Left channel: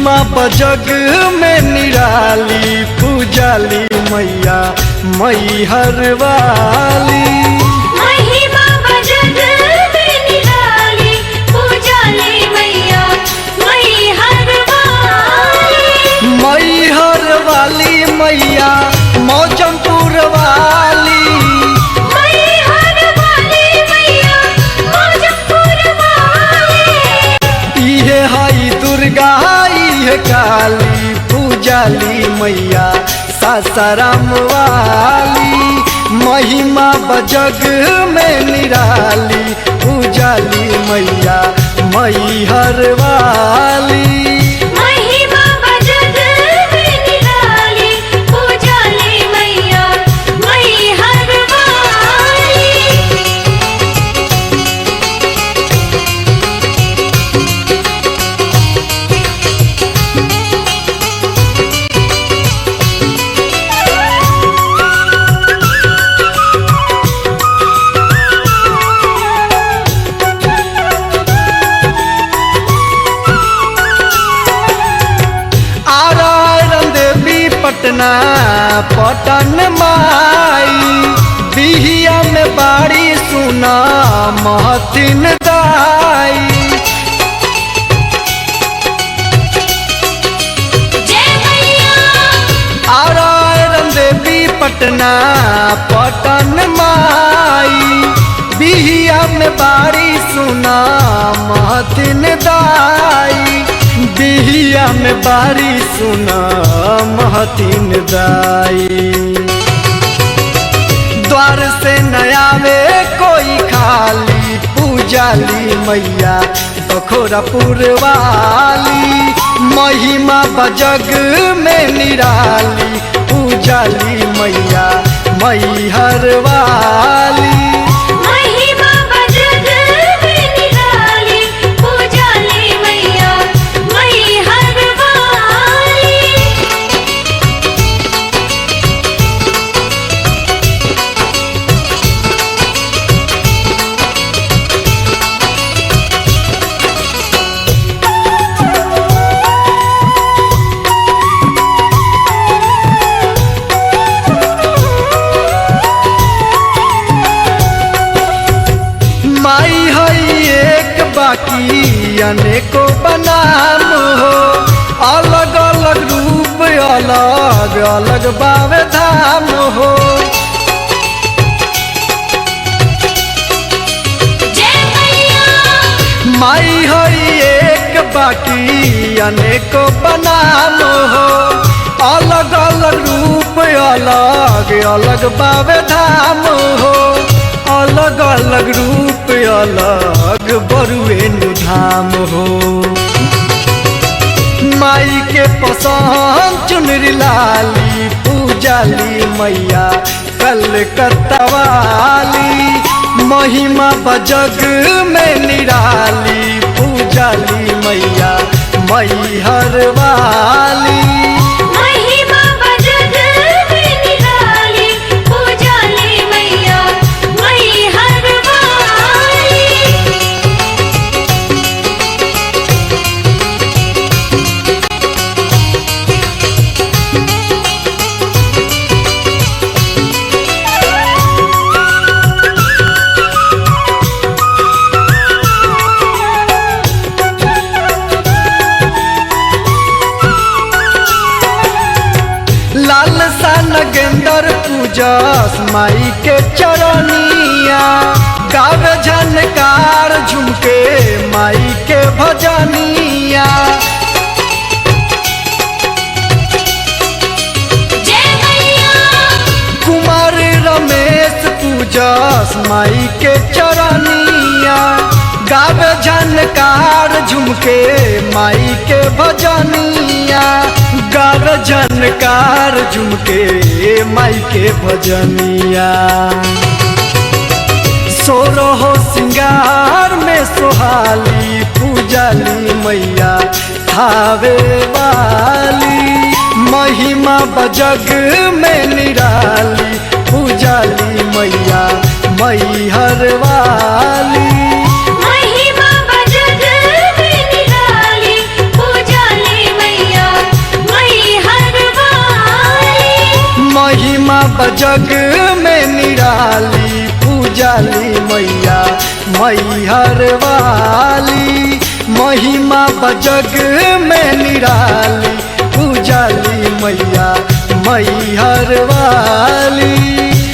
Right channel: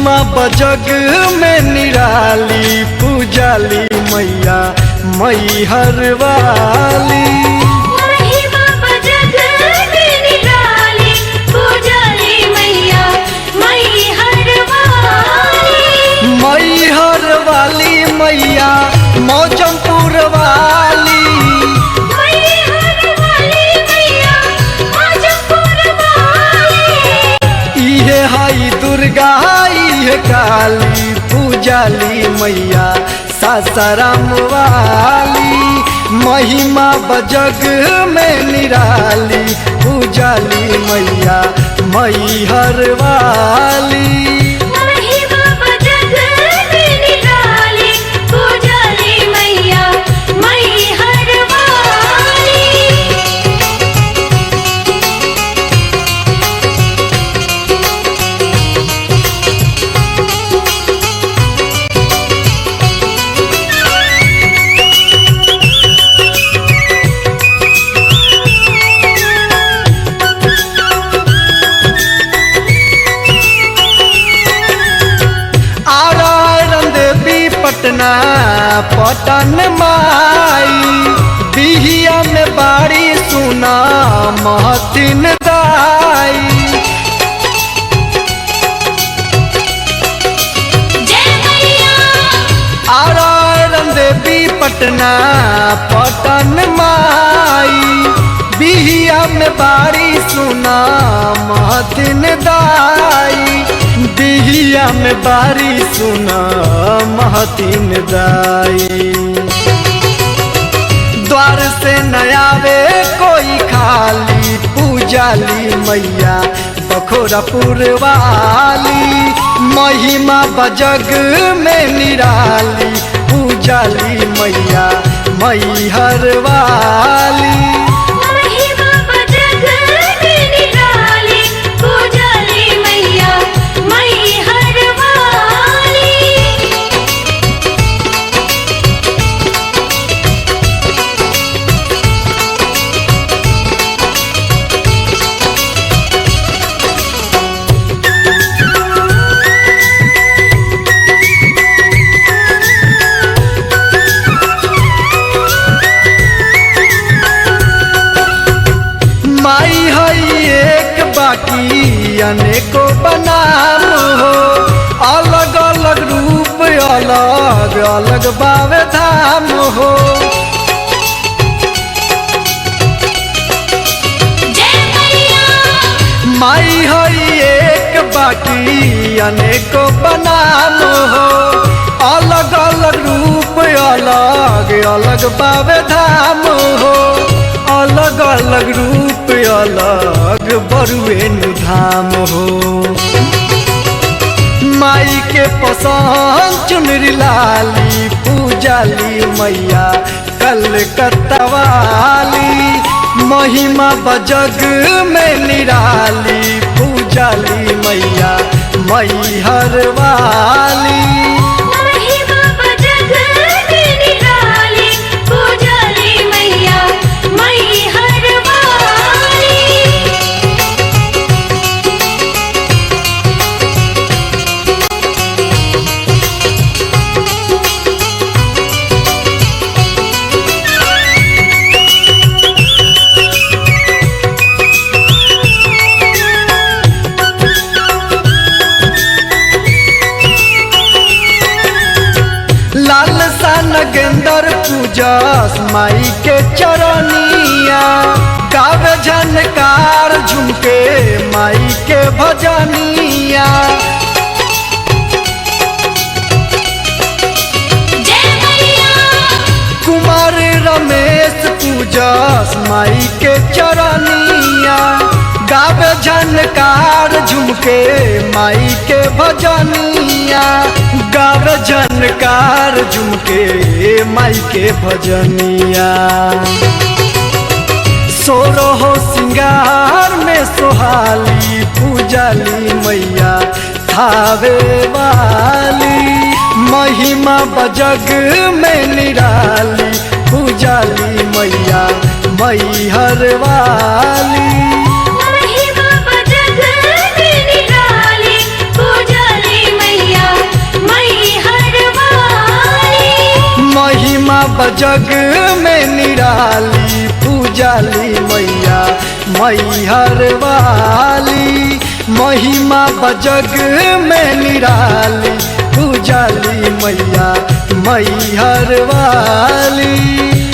महिमा बजग में निराली पूजाली मैया मैहर वाली। महिमा बजग में निराली पूजाली मैया मैहर वाली। मैहर वाली मैया मौजमपुर वाली। इहे हाई दुर्गा इहे काली पूजाली मैया सासाराम वाली। महिमा बजग में निराली पूजाली मैया मैहर वाली। महिमा बजग में निराली पूजाली मैया मैहर वाली। पटना पटन माई बिहिया में बाड़ी सुना महतिन दाई। आरायण देवी पटना पटन माई बिहिया में बाड़ी सुना महतिन दाई। बिहिया में बारी सुना महतिन दाई। द्वार से नयावे कोई खाली पूजाली मैया बखोरापुर वाली। महिमा बजग में निराली पूजाली मैया मैहर वाली। माई हई एक बाकी अनेको बनाम हो। अलग अलग रूप अलग अलग बावे धाम हो। माई हई एक बाकी अनेको बनाम हो। अलग अलग रूप अलग अलग बावे धाम हो। अलग अलग रूप अलग बरुए धाम हो। माई के पसंद चुनरी लाली पूजाली मैया कलकत्ता वाली। महिमा बजग में निराली पूजाली मैया मैहर वाली। लाल सन गेंदर पूजस माई के चरनिया। गावे झनकार झुमके माई के भजनिया। कुमार रमेश पूजस माई के चरनिया। गावे झनकार झुमके माई के भजनिया। गावे झनकार झुमके माई के भजनिया। सोरहो सिंगार में सोहाली पूजाली मैया थावे वाली। महिमा बजग में निराली पूजाली मैया मैहर वाली। महिमा बजग में निराली पूजाली मैया मैहर वाली। महिमा बजग में निराली पूजाली मैया मैहर वाली।